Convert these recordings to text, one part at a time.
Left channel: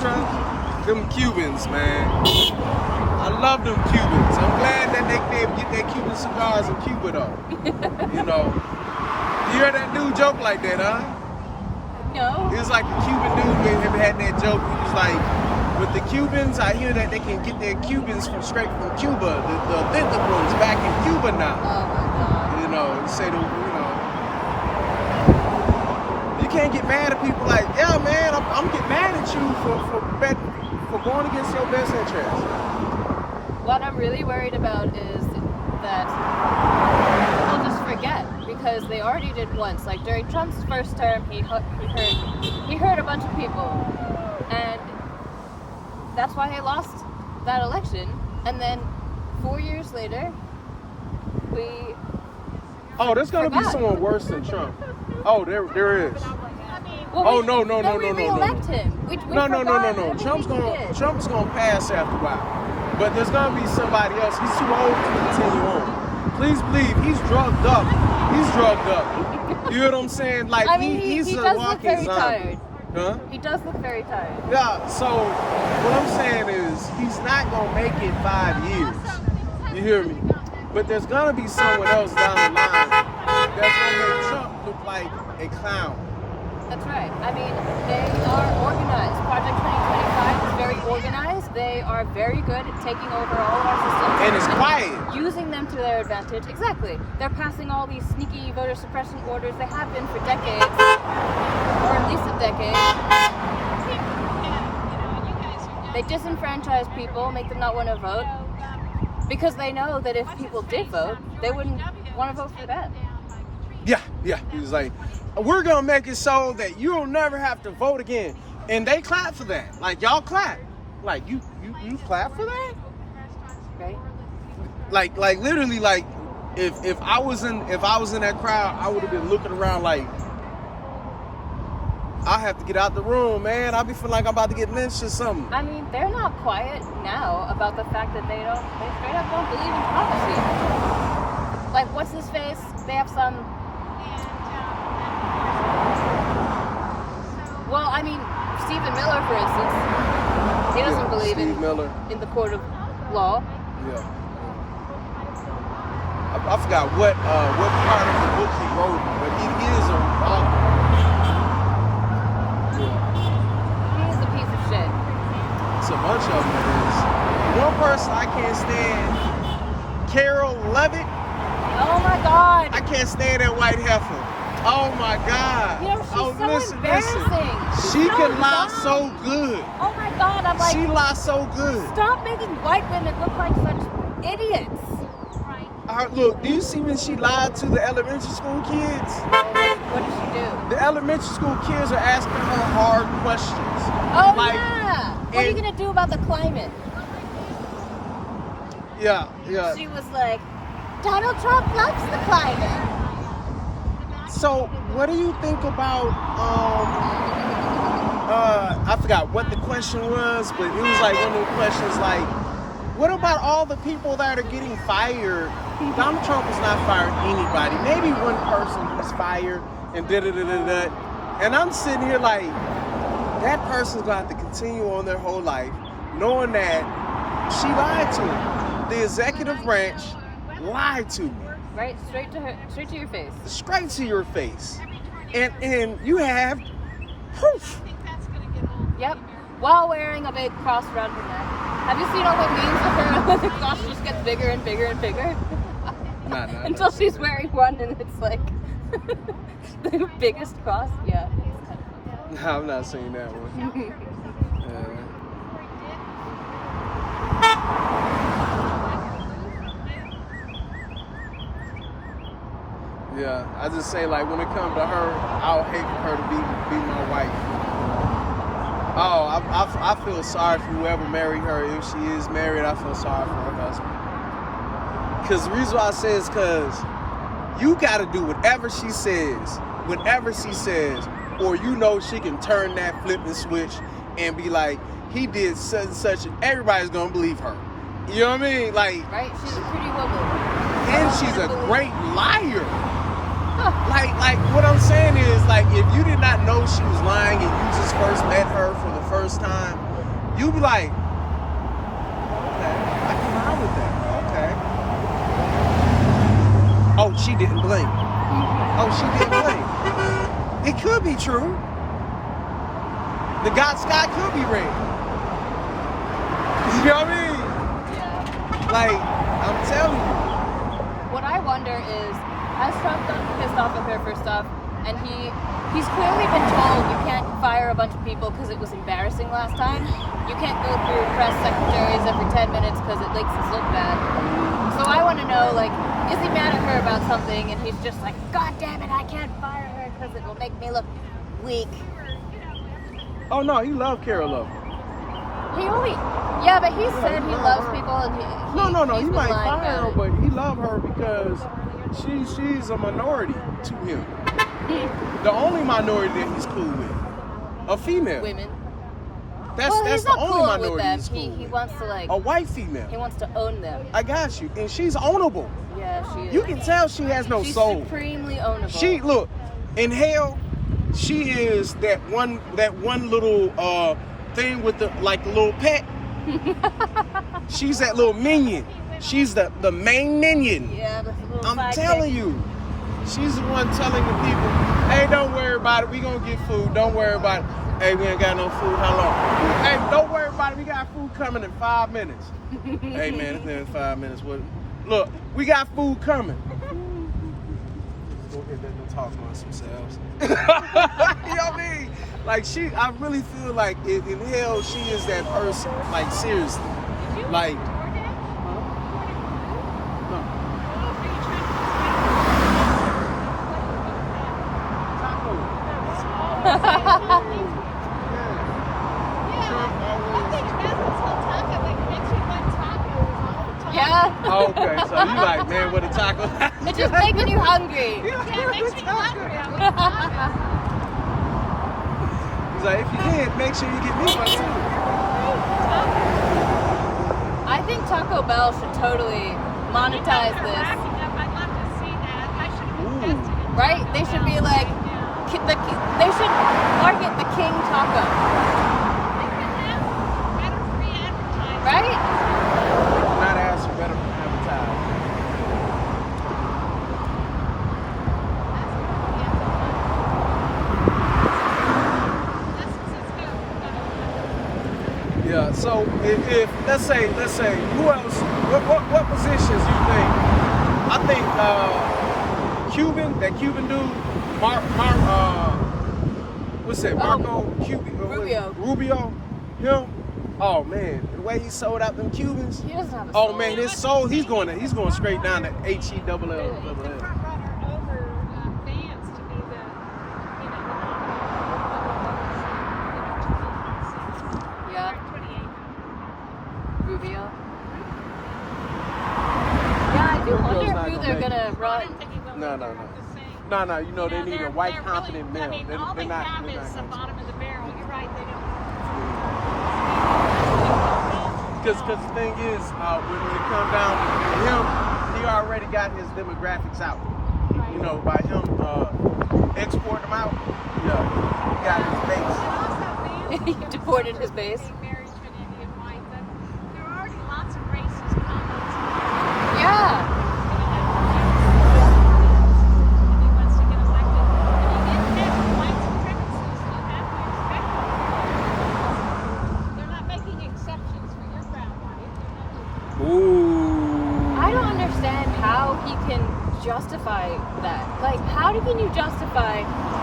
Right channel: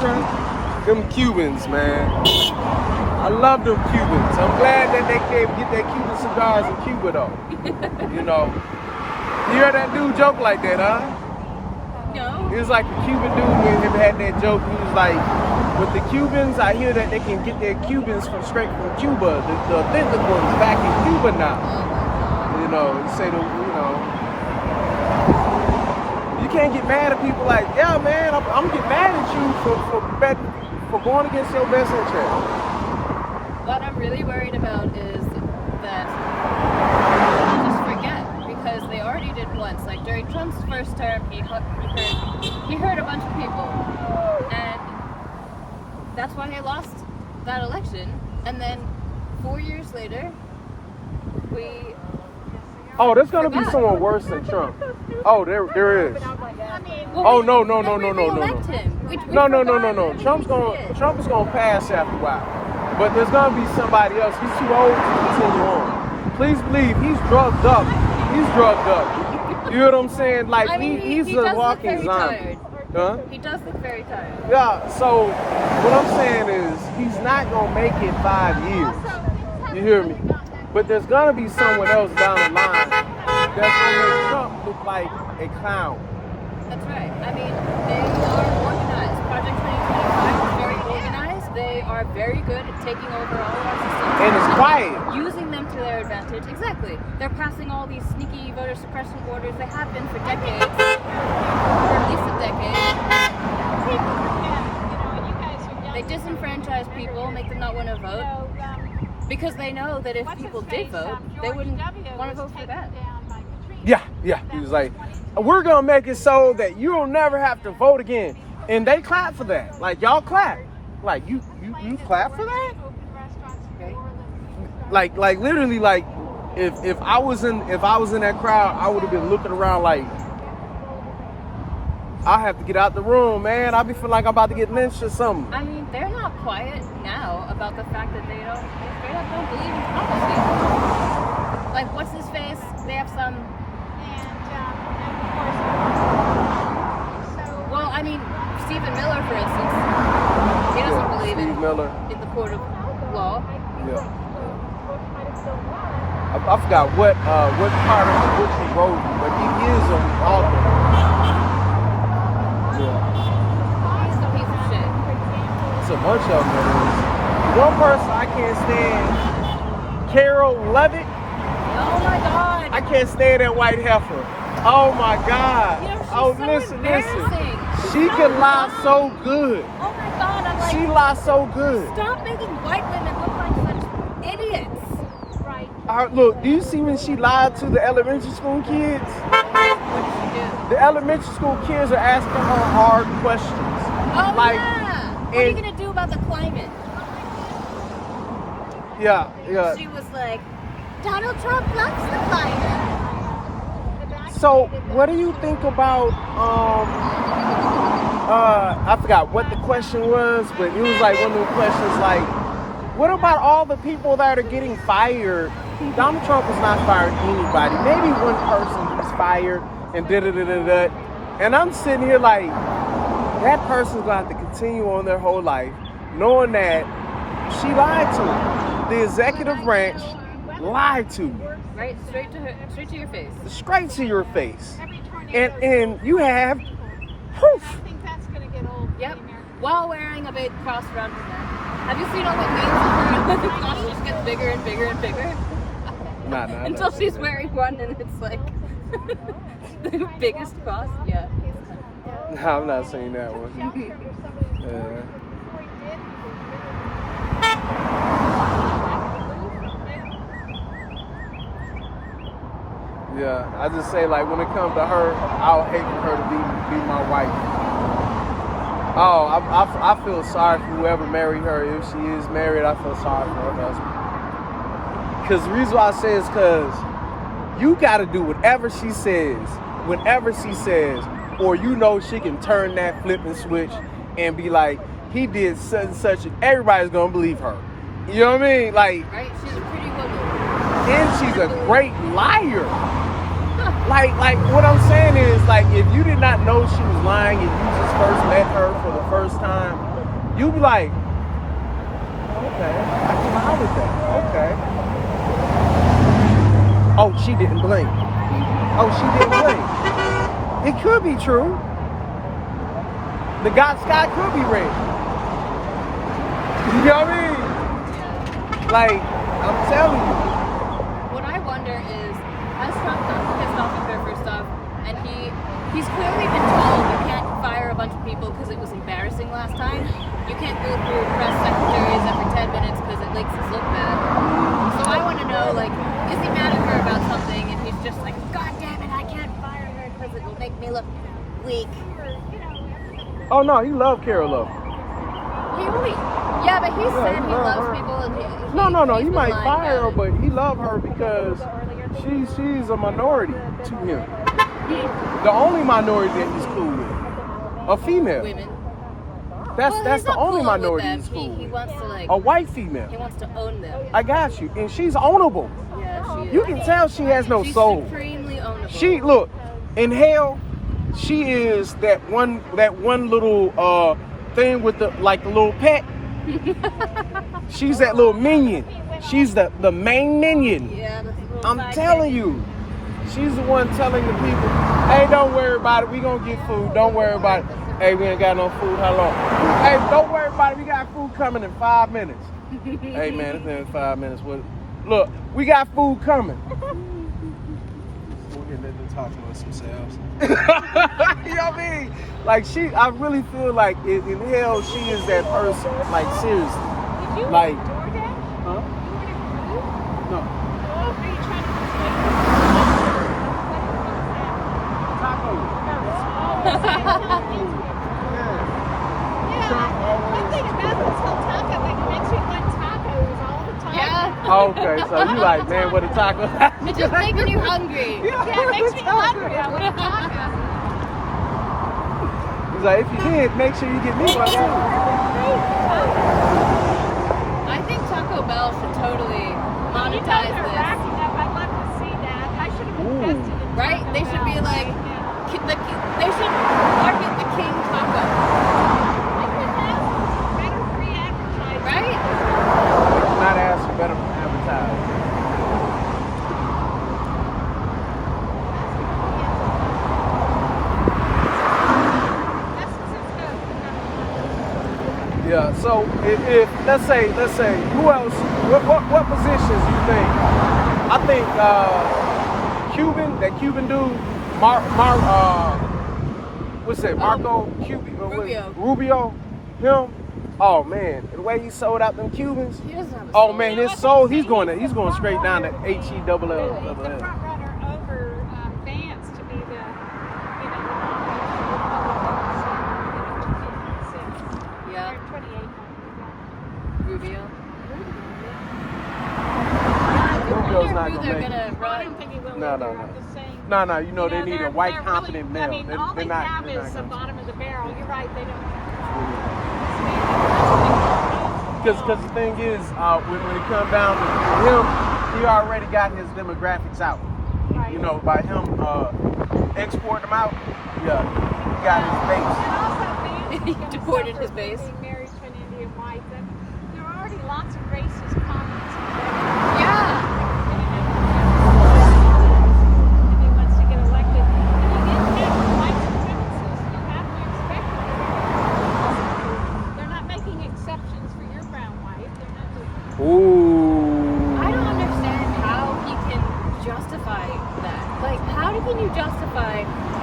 Trump? Them Cubans, man. I love them Cubans. I'm glad that they can't get their Cuban cigars in Cuba, though. You know. You hear that dude joke like that, huh? No. It was like the Cuban dude had that joke. He was like, with the Cubans, I hear that they can get their Cubans straight from Cuba. The authentic ones back in Cuba now. You know, say you can't get mad at people like, yeah, man, I'm getting mad at you for going against your best interest. What I'm really worried about is that people just forget, because they already did once. Like during Trump's first term, he hurt a bunch of people, and that's why he lost that election. And then 4 years later, there's gonna be someone worse than Trump. Oh, there is. Well, no. No. Trump's gonna pass after a while. But there's gonna be somebody else. He's too old to continue on. Please believe he's drugged up. You know what I'm saying? Like he's a walking zombie. Huh? He does look very tired. Yeah, so what I'm saying is he's not gonna make it 5 years. You hear me? But there's gonna be someone else down the line that's gonna make Trump look like a clown. That's right. I mean, they are organized. Project 2025 is very organized. They are very good at taking over all our systems. And it's quiet. Using them to their advantage. Exactly. They're passing all these sneaky voter suppression orders that have been for decades. Or at least a decade. They disenfranchise people, make them not want to vote. Because they know that if people did vote, they wouldn't want to vote for them. Yeah. He's like, we're gonna make it so that you'll never have to vote again. And they clap for that. Like, y'all clap. Like, you clap for that? Okay. Like literally, like if I was in that crowd, I would have been looking around like, I have to get out the room, man. I be feeling like I'm about to get lynched or something. I mean, they're not quiet now about the fact that they straight up don't believe in democracy. Like, what's his face? They have some. Well, I mean, Stephen Miller, for instance, he doesn't believe in the court of law. Yeah. I forgot what part of the book he wrote, but he is an author. Yeah. He's a piece of shit. It's a bunch of them. One person I can't stand, Carol Levitt. Oh my God. I can't stand that white heifer. Oh my God. You know, she's Listen. She can lie so good. Oh my God, I'm like, she lies so good. Stop making white women look like such idiots. Look, do you see when she lied to the elementary school kids? What did she do? The elementary school kids are asking her hard questions. Oh yeah. What are you gonna do about the climate? Yeah. She was like, Donald Trump likes the climate. So, what do you think about, I forgot what the question was, but it was like one of the questions like, what about all the people that are getting fired? Donald Trump is not firing anybody. Maybe one person who's fired and da-da-da-da-da. And I'm sitting here like, that person's going to have to continue on their whole life knowing that she lied to me. The executive branch lied to me. Right, straight to your face. Straight to your face. And you have proof. Yep. While wearing a big cross around her neck. Have you seen all the memes with her? The cross just gets bigger and bigger and bigger? Nah. Until she's wearing one and it's like the biggest cross. Yeah. No, I'm not saying that one. Yeah. Yeah, I just say like when it comes to her, I'll hate for her to be my wife. Oh, I feel sorry for whoever married her. If she is married, I feel sorry for her husband. Because the reason why I say is because you got to do whatever she says, or you know she can turn that flipping switch and be like, he did such and such, and everybody's gonna believe her. You know what I mean? Like, right? She's a pretty woman. And she's a great liar. Like what I'm saying is, like, if you did not know she was lying and you just first met her for the first time, You be like, okay, I can vibe with that. Okay. Oh, she didn't blink. Oh, she didn't blink. It could be true. The sky could be red. You know what I mean? Yeah. Like, I'm telling you. What I wonder is, I got pissed off at her for stuff, and he's clearly been told you can't fire a bunch of people because it was embarrassing last time. You can't go through press secretaries every 10 minutes because it makes us look bad. So I want to know, like, is he mad at her about something, and he's just like, God damn it, I can't fire her because it will make me look weak. Oh no, he loved Carol Love. He only, yeah, but he said he loves people, and No. He might fire her, but he loved her because she's a minority to him. The only minority that he's cool with, a female. Women. That's the only minority he's cool He with. wants to like A white female. He wants to own them. I got you, and she's ownable. Yeah, she is. You can tell she has no She's soul. supremely ownable. She look in hell. She is that one little thing with the like little pet. She's that little minion. She's the main minion. Yeah, the little I'm telling you. She's the one telling the people, hey, don't worry about it. We gonna get food. Don't worry about it. Hey, we ain't got no food. How long? Hey, don't worry about it. We got food coming in 5 minutes. Hey, man, it's been 5 minutes. Look, we got food coming. Go ahead, let them talk amongst themselves. You know what I mean? Like, I really feel like in hell, she is that person. Like, seriously. Like, Yeah. okay, so you like, man, with a taco? It's just making you hungry. Yeah, it makes me hungry. He's like, if you did, make sure you get me one too. I think Taco Bell should totally monetize this. I'd love to see that. I should Ooh. protest it. Right? They should be like, they should market the King Taco. Right? Not ask for better advertising. Yeah. So if let's say who else? What positions you think? I think that Cuban dude, what's that? Marco Rubio. Him. Oh man, the way he sold out them Cubans. He doesn't have a Oh soul. man, his soul. He's going straight down to HELL. Yeah. Rubio. Rubio's I not wonder who gonna they're make gonna I run. don't think he will No. look the same. No, you know they need a white confident male. I mean, all they have they're is the not bottom of the barrel. You're right, they don't. Because the thing is, when it comes down to him, he already got his demographics out. You know, by him exporting them out, yeah, he got his base. He deported his base. Being married to an Indian wife, but there are already lots of racist comments. Yeah. He wants to get elected. White supremacists, you have to expect them. They're not making exceptions for your brown wife. They're not doing Ooh. I don't understand how he can justify that. Like, how can you justify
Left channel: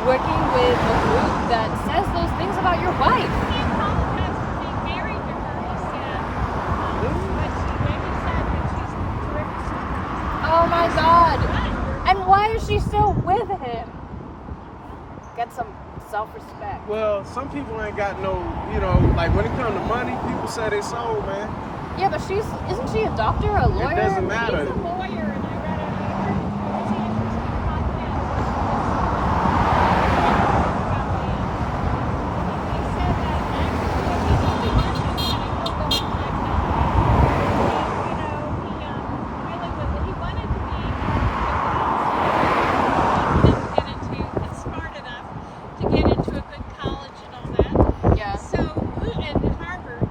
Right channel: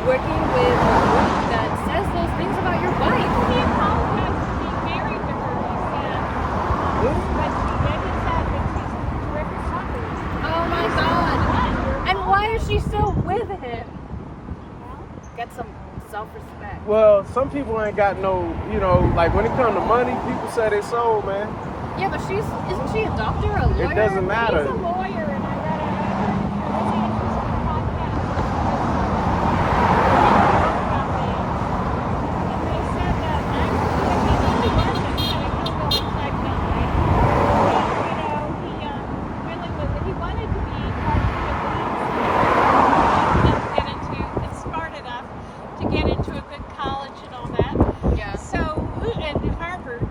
working with a group that says those things about your wife? He apologized for being married to her. He said, but she said that she's a terrific sucker. Oh my God. But you're And why is she still with him? Get some self-respect. Well, some people ain't got no, you know, like when it comes to money, people say they sold, man. Yeah, but isn't she a doctor or a lawyer? It doesn't matter. He's a lawyer, and I read was he interested in smart enough to get into a good college and all that. Yeah. So, and Harvard.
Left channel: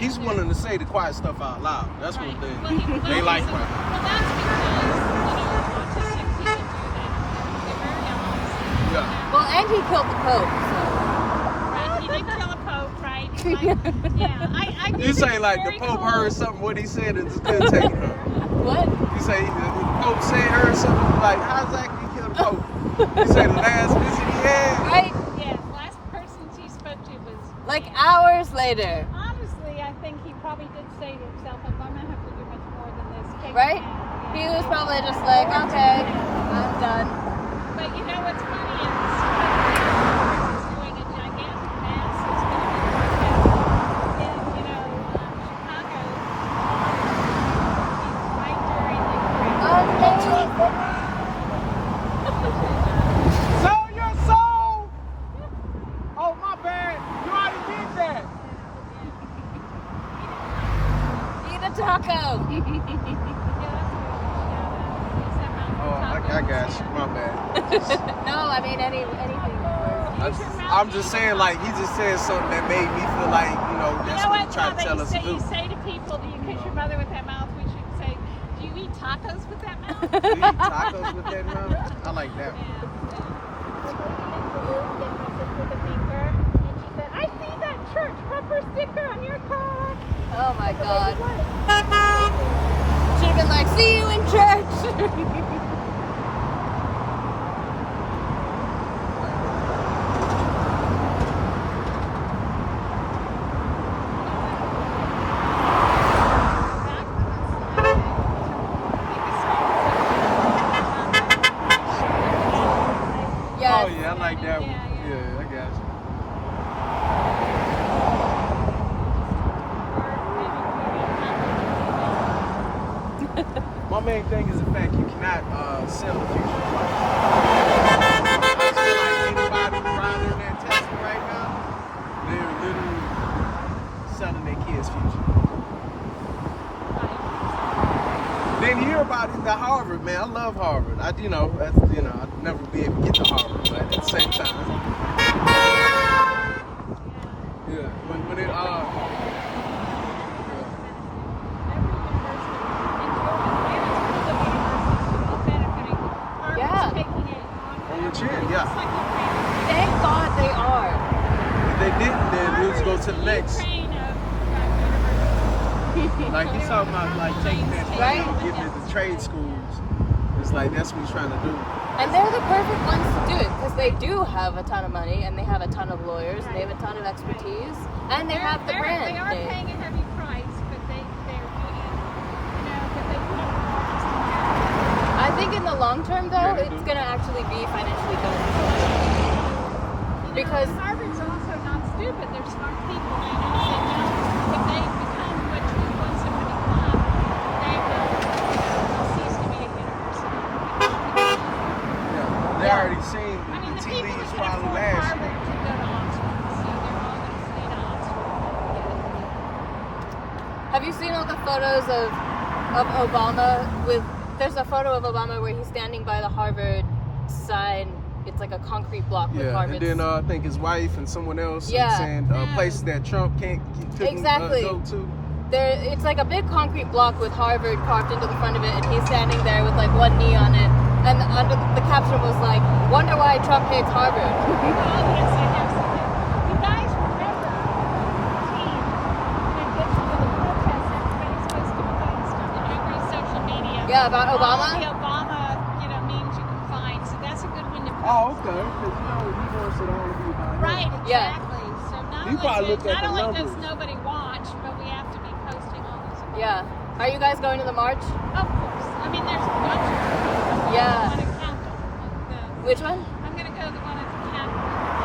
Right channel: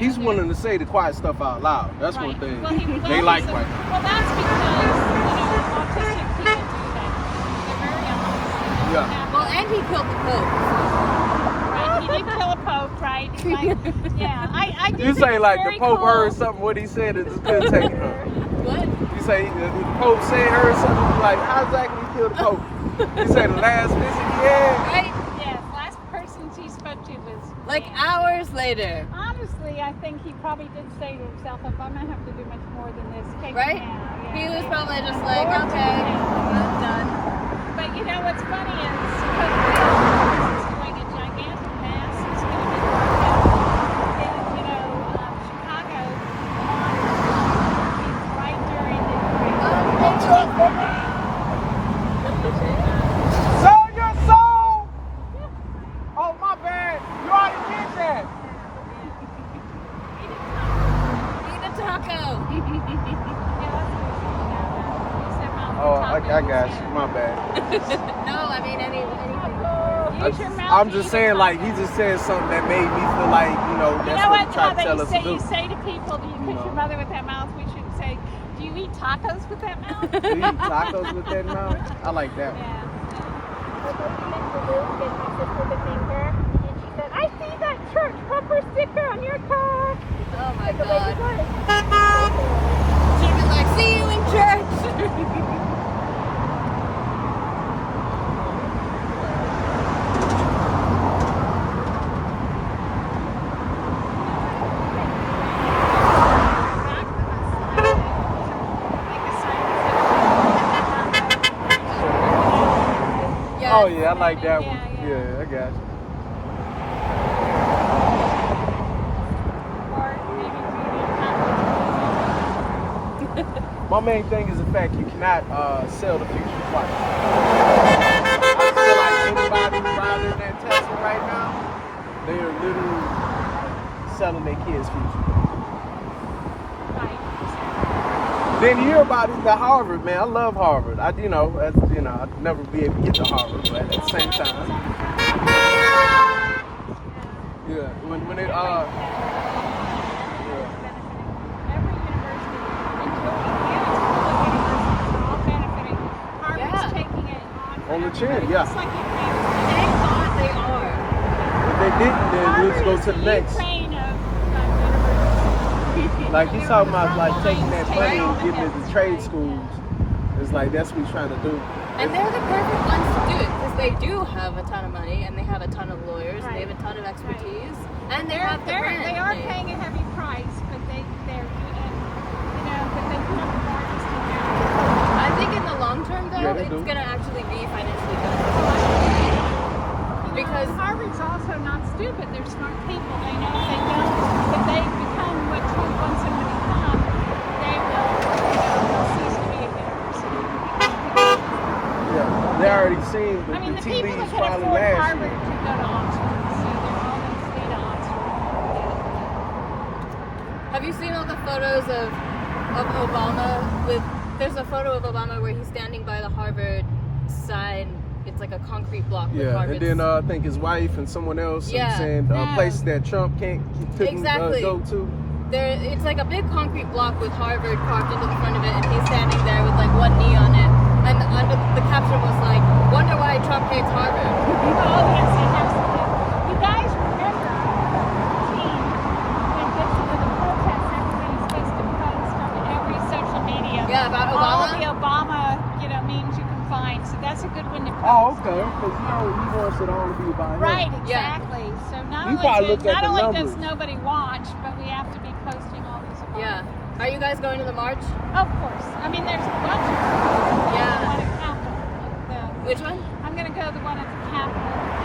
He's willing to say the quiet stuff out loud. That's one thing they like right now. Well, that's because, autistic people do that. They're very honest. Yeah. Well, and he killed the Pope. Right, he did kill a pope, right? Like, yeah, I think You say it's like the very Pope cool. heard something what he said and just couldn't take it. Huh? What? You say the Pope said heard something. You like how exactly he killed the Pope? You say the last visit he had. Right? Yes, last person she spoke to was Like hours later. honestly, I think he probably did say to himself, "I'm gonna have to do much more than this." Take Right? it down. He was probably just like, okay, I'm done. But you know what's funny is he's doing a gigantic mess. It's going to be Chicago. It's right during the Sell your soul. Oh my bad. You already did that. Eat a taco. Oh, I got you. My bad. No, I mean anything. I'm just saying, like, he just said something that made me feel like, you know, that's what he tried to tell us to do. You say to people, do you kiss your mother with that mouth? We should say, do you eat tacos with that mouth? Do you eat tacos with that mouth? I like that one. I see that church bumper sticker on your car. Oh my god. Should've been like, see you in church. Oh yeah, I like that one. Yeah, I got you. My main thing is the fact you cannot sell the future twice. I feel like anybody who's riding in that Tesla right now, they're literally like selling their kids' future. Then you hear about it, the Harvard, man. I love Harvard. I'd never be able to get to Harvard, but at the same time, yeah. When it on the chin, yeah. Thank God they are. If they didn't, then we'd just go to the next. Like he's talking about like taking that money and getting it to trade schools. It's like that's what he's trying to do. And they're the perfect ones to do it because they do have a ton of money and they have a ton of lawyers and they have a ton of expertise and they have the brand They are name. paying a heavy price, but they're I think in the long term though, Yeah, it's gonna actually be financially beneficial. Because Harvard's also not stupid. They're smart people, you know. So if they become what you want them to become, they will cease to be a university. Yeah, they already seen the tea leaves probably last year. have you seen all the photos of Obama with? There's a photo of Obama where he's standing by the Harvard sign. It's like a concrete block. With Yeah, Harvard. and then I think his wife and someone else saying places that Trump couldn't go to. It's like a big concrete block with Harvard carved into the front of it, and he's standing there with like one knee on it. And the caption was like, "Wonder why Trump hates Harvard." Oh, yes, he has. You guys remember everybody's face to post on every social media. Yeah, about Obama. All the Obama, memes you can find. So that's a good one to post. Oh, okay. Because he wants it all to be about him. Right, Yeah. exactly. So not You probably look at the only numbers. does nobody watch, but we have to be posting all these events. Yeah. Are you guys going to the march? Of course. I mean, there's a bunch of them. Yeah. One at Capitol. Which one? I'm going to go to the one at the Capitol because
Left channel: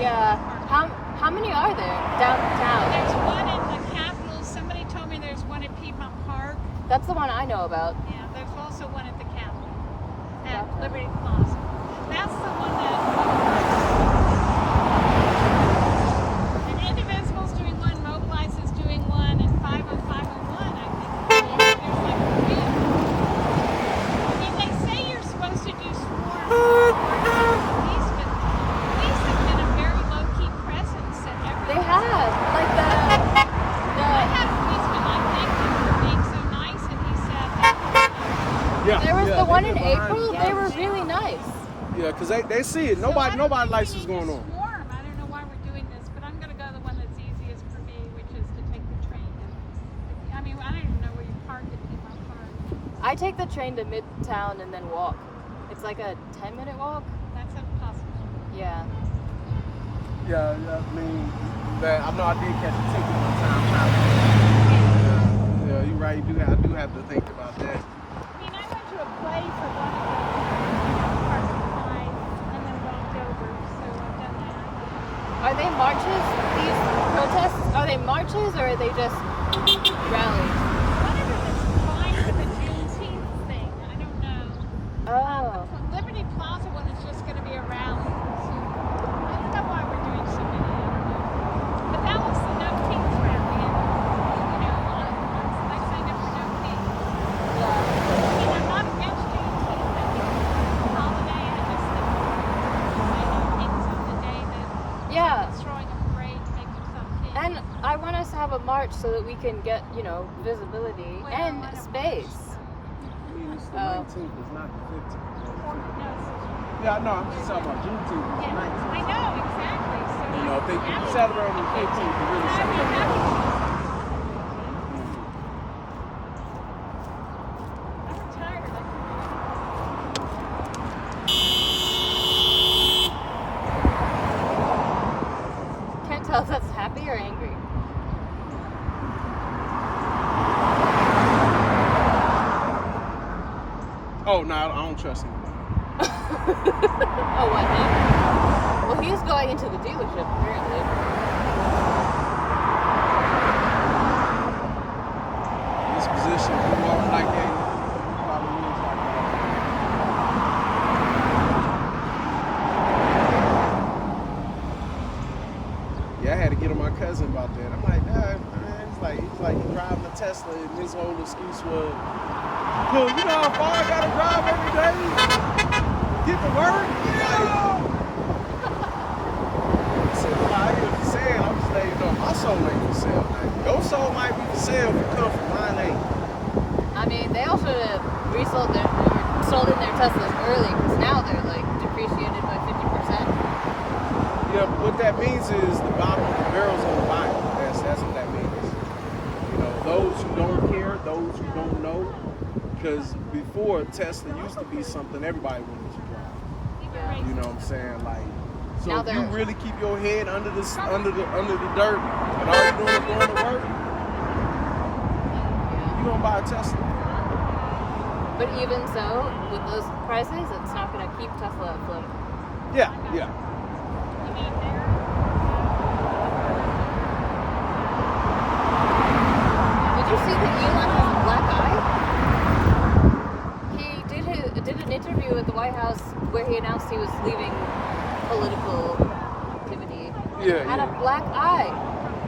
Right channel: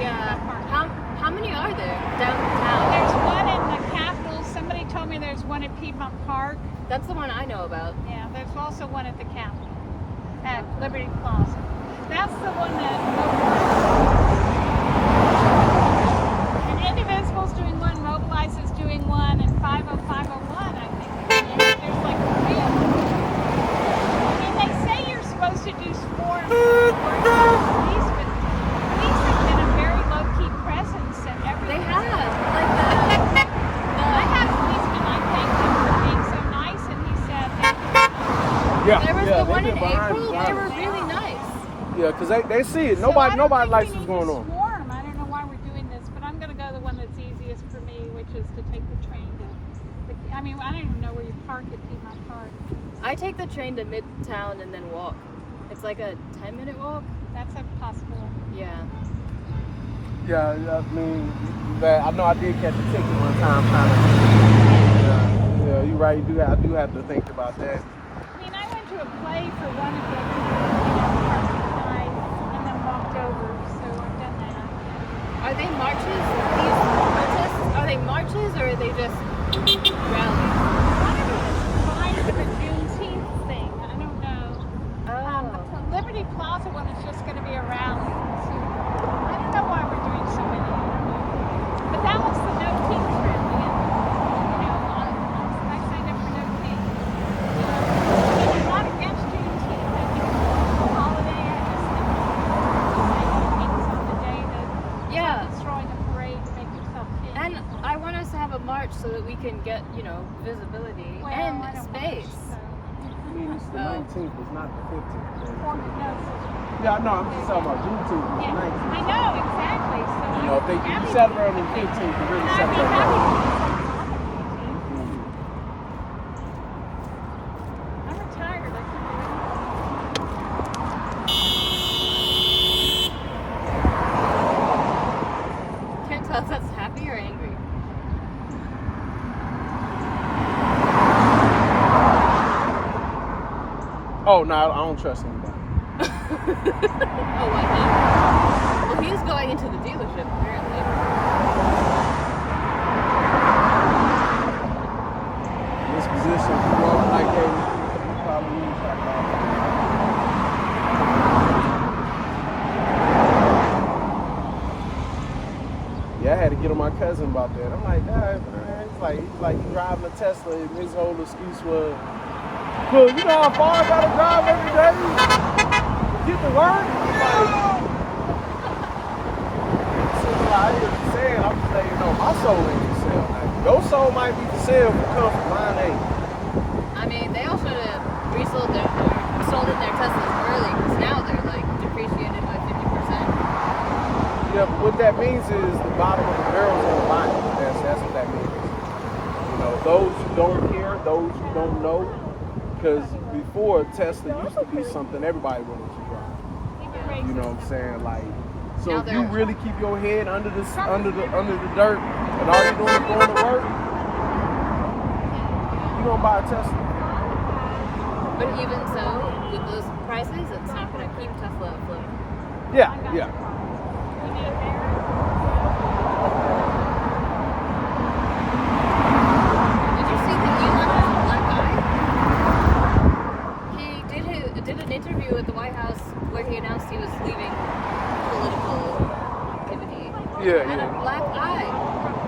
Yeah. How many are there downtown? there's one in the Capitol. Somebody told me there's one at Piedmont Park. That's the one I know about. Yeah, there's also one at the Capitol at Liberty Plaza. That's the one that. And Indivisible's doing one, Mobilize is doing one, and 50501, I think. I mean, they say you're supposed to do sports. Yeah, because they see it. So I don't Nobody think likes we what's need to going on. swarm. I don't know why we're doing this, but I'm going to go the one that's easiest for me, which is to take the train to. I mean, I don't even know where you park it in my car. I take the train to Midtown and then walk. It's like a 10-minute walk. That's a possibility. Yeah. Yeah, I mean, I know I did catch a ticket one time. Yeah, you're right. I do have to think about that. I mean, I went to a play for one of the night and then walked over, so don't know. Are they marches? These protests? Are they marches or are they just rallies? One of them is like the Juneteenth thing. I don't know. Oh. The Liberty Plaza one is just going to be a rally. So I don't know why we're doing so many. But that was the no teens rally. You know, a lot of times they say there's no teens. If you're not against Juneteenth, I think it's a holiday. I just think it's no teens on the day that Yeah. throwing a parade to make yourself king. And I want us to have a march so that we can get, visibility and space. I mean, it's the 19th, it's not the 15th. Yeah, no, I'm just talking about Juneteenth. It's the 19th. I know, exactly. So You know, if they celebrate on the 15th, they really celebrate early. I'm tired of it. Can't tell if that's happy or angry. Oh, no, I don't trust anybody. Oh, wow. Well, he's going into the dealership, apparently. In this position, if you walk like that, you probably lose like that. Yeah, I had to get on my cousin about that. I'm like, Dad, man, he's like driving a Tesla, and his whole excuse was, "Well, you know how far I gotta drive every day? Get to work?" Like, I hear you saying, I'm just letting you know, my soul ain't for sale. Like, your soul might be for sale if you come from line A. I mean, they all should have sold in their Teslas early because now they're like depreciated by 50%. Yeah, but what that means is the bottom of the barrel's on the line. That's what that means. You know, those who don't care, those who don't know, because before Tesla used to be something everybody wanted to drive. You know what I'm saying? Like, so if you really keep your head under the dirt and all you're doing is going to work, you don't buy a Tesla. But even so, with those prices, it's not going to keep Tesla afloat. Yeah. Did you see that Elon has a black eye? He did an interview at the White House where he announced he was leaving political activity. Yeah. Had a black eye.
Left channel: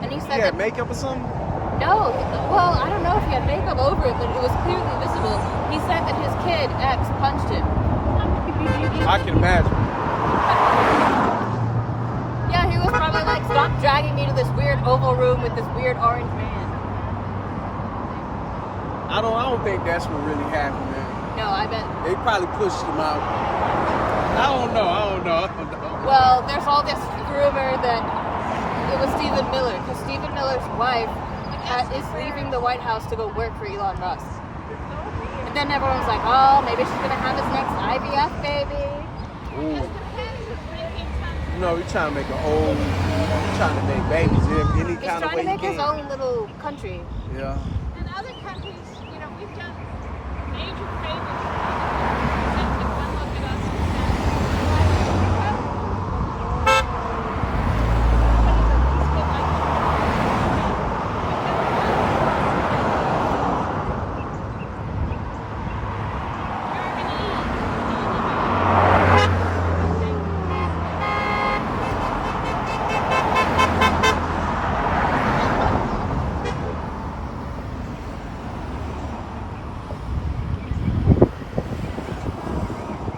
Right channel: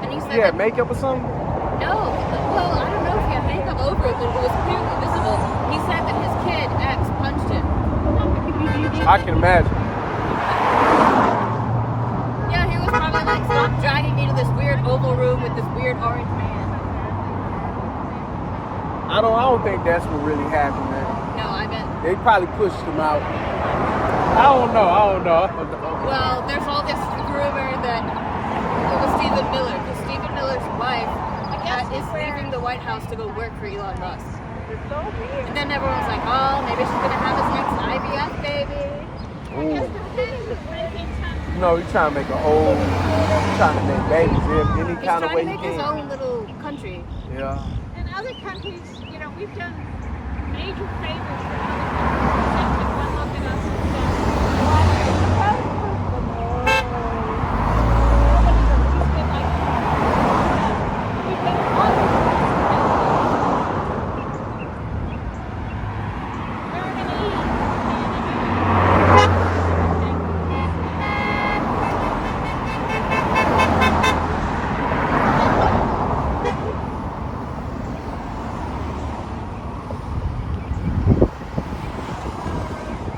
And he said Yeah, makeup or something? no, well, I don't know if he had makeup over it, but it was clearly visible. He said that his kid, X, punched him. I can imagine. Yeah, he was probably like, stop dragging me to this weird oval room with this weird orange man. I don't think that's what really happened, man. No, I bet. They probably pushed him out. I don't know. Well, there's all this rumor that it was Stephen Miller, because Stephen Miller's wife is leaving the White House to go work for Elon Musk. And then everyone's like, oh, maybe she's going to have his next IVF baby. Ooh. No, he's trying to make trying to make babies any kind of way he He's trying to make his can. own little country. Yeah. In other countries, we've done major favors.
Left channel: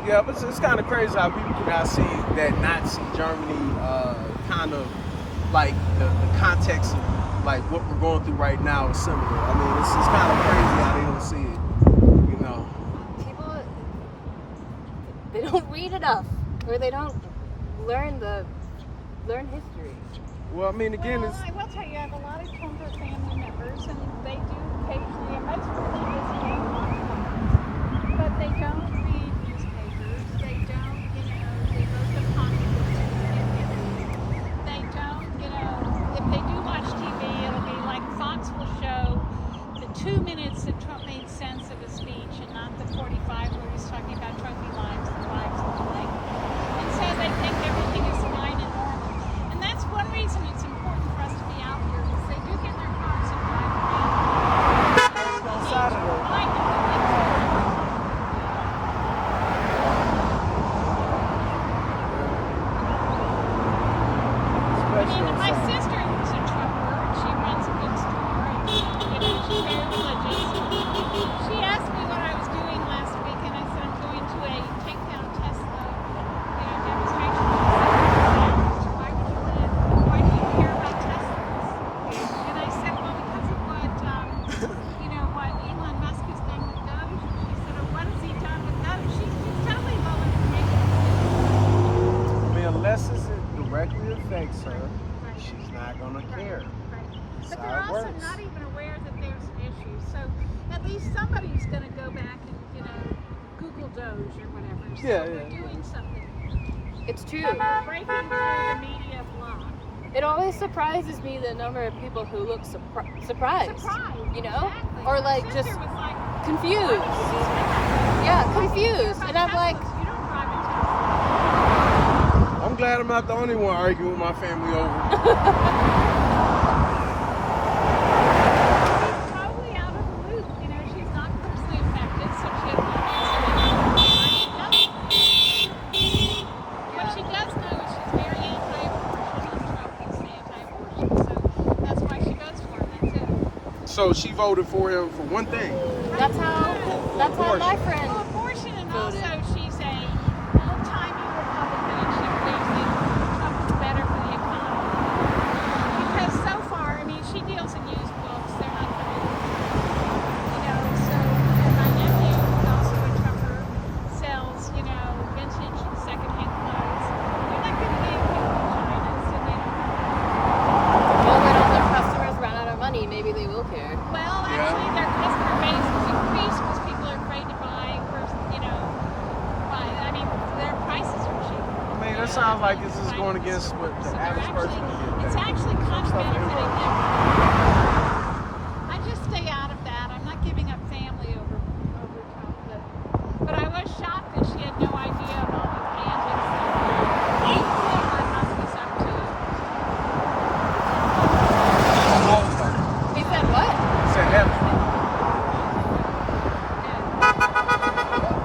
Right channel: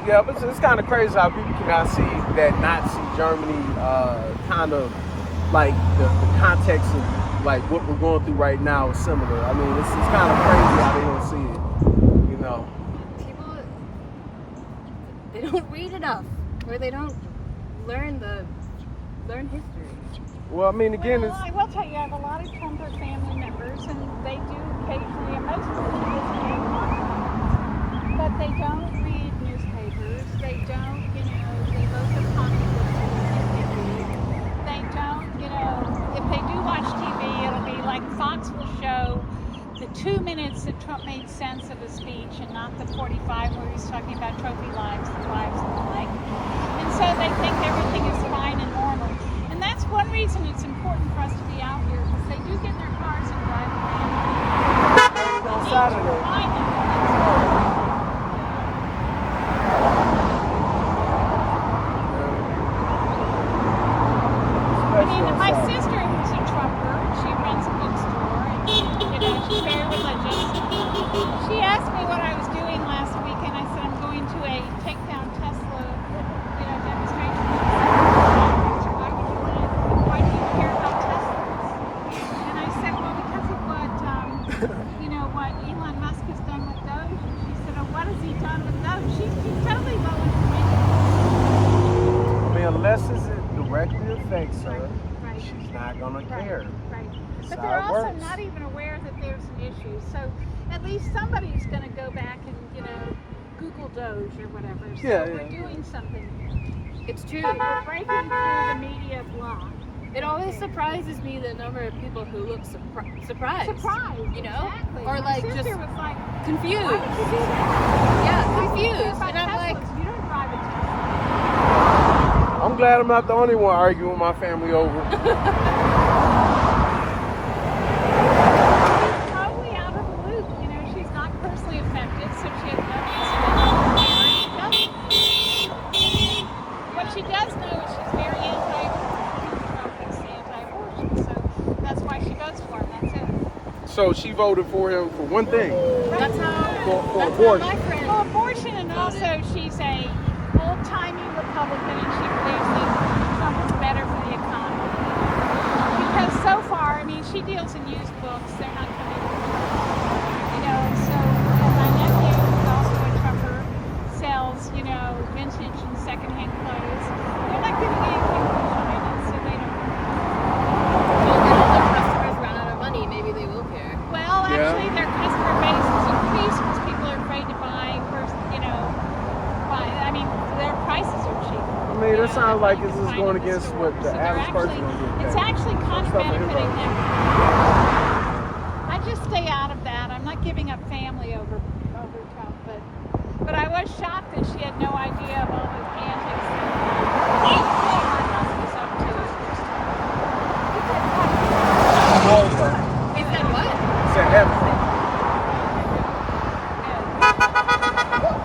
Yeah, but it's kind of crazy how people cannot see that Nazi Germany kind of like the context of like what we're going through right now is similar. I mean, it's kind of crazy how they don't see it, you know. People, they don't read enough. Where they don't learn history. Well, I mean, again, Well, it's I will tell you, I have a lot of Trumper family members, and they do occasionally, and most of them visit me, but they don't read newspapers. They don't, they look at controversies like they do. They don't, if they do watch TV, it'll be like Fox will show the 2 minutes that Trump made sense of his speech, and not the 45 where he was talking about trophy lives and lives of the like. And so they think everything is fine and normal. And that's one reason it's important for us to be out here, because they do get in their cars and drive around. They need to remind them that things my sister, who's a Trumper, she runs a bookstore, and she's very religious. She asked me what I was doing last week, and I said I'm going to a Takedown Tesla, demonstration. She said, why do you care about Teslas? And I said, well, because of what Elon Musk has done with Doge. And she said, oh, what has he done with Doge? She's totally voted for him. I mean, unless it directly affects her, she's not gonna care. But they're also not even aware that there's an issue. So at least somebody's going to go back and, Google Doge or whatever. So we're doing something. It's true. But we're breaking through the media block. It always surprises me the number of people who look surprised. Exactly. Or My like sister just was like, confused. Yeah, confused. And I'm like, you don't drive a Tesla. I'm glad I'm not the only one arguing with my family over. She's totally out of the loop. She's not personally affected, so she has no reason to know. What she does know is she's very anti-abortion. Trump is anti-abortion, so that's why she votes for him. That's it. So she voted for him for one thing. that's how For that's abortion. how my friend. For abortion, and also she's a old-timey Republican, and she believes that Trump is better for the economy. Because so far, she deals in used books. They're not so my nephew, who's also a Trumper, sells, vintage and secondhand clothes. They're not going to get anything good on it, so they don't. Well, when their customers run out of money, maybe they will care. Well, actually, their customer base has increased because people are afraid to buy, their prices are cheap. I mean, that sounds like this is going against what the average person will get paid. It's actually Some stuff in his benefiting work. them. I just stay out of that. I'm not giving up family over Trump, but I was shocked that she had no idea of all his antics. Oh, okay. He said what? Said F Trump.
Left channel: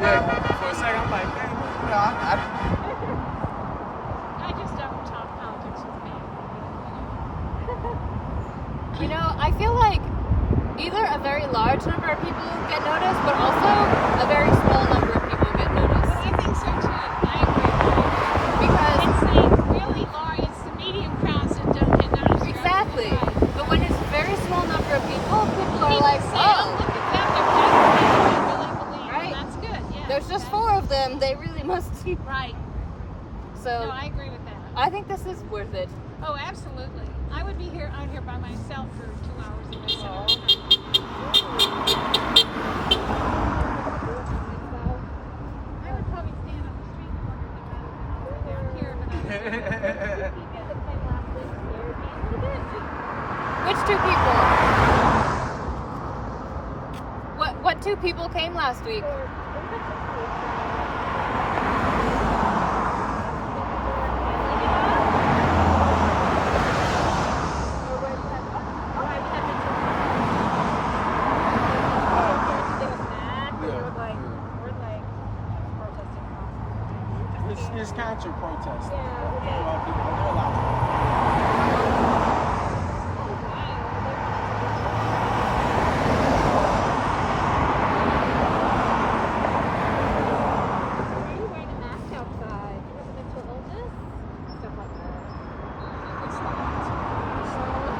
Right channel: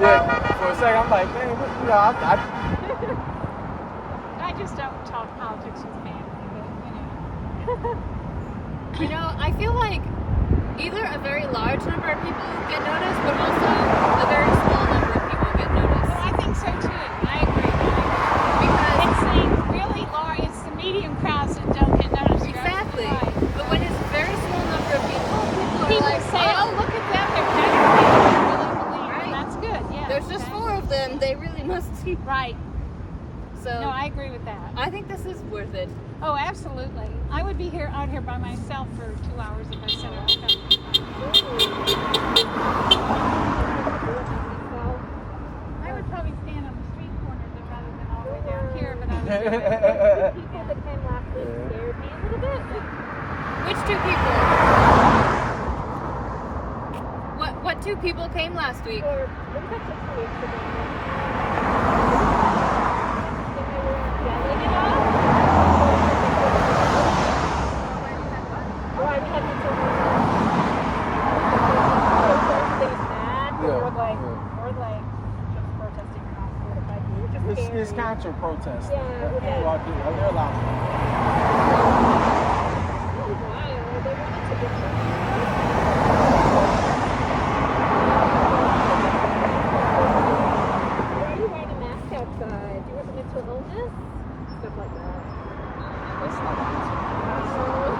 Yeah, for a second, I'm like, man, I just don't talk politics with family. I feel like either a very large number of people get noticed, but also a very small number of people get noticed. I think so too. I agree. Because It's the really large, it's the medium crowds that don't get noticed. exactly. But when it's a very small number of people are People like, say, oh, look at them, they're really believe. Right. And that's good, yeah. there's just 4 of them, they really must be. Right. So No, I agree with that. I think this is worth it. Oh, absolutely. I would be out here by myself for 2 hours by myself. I would probably stand on the street corner down here, but I would Which 2 people? What 2 people came last week? It's counter protest. Yeah. They're allowed. Why are you wearing a mask outside? Do you have a mental illness? Stuff like that. That's not an answer.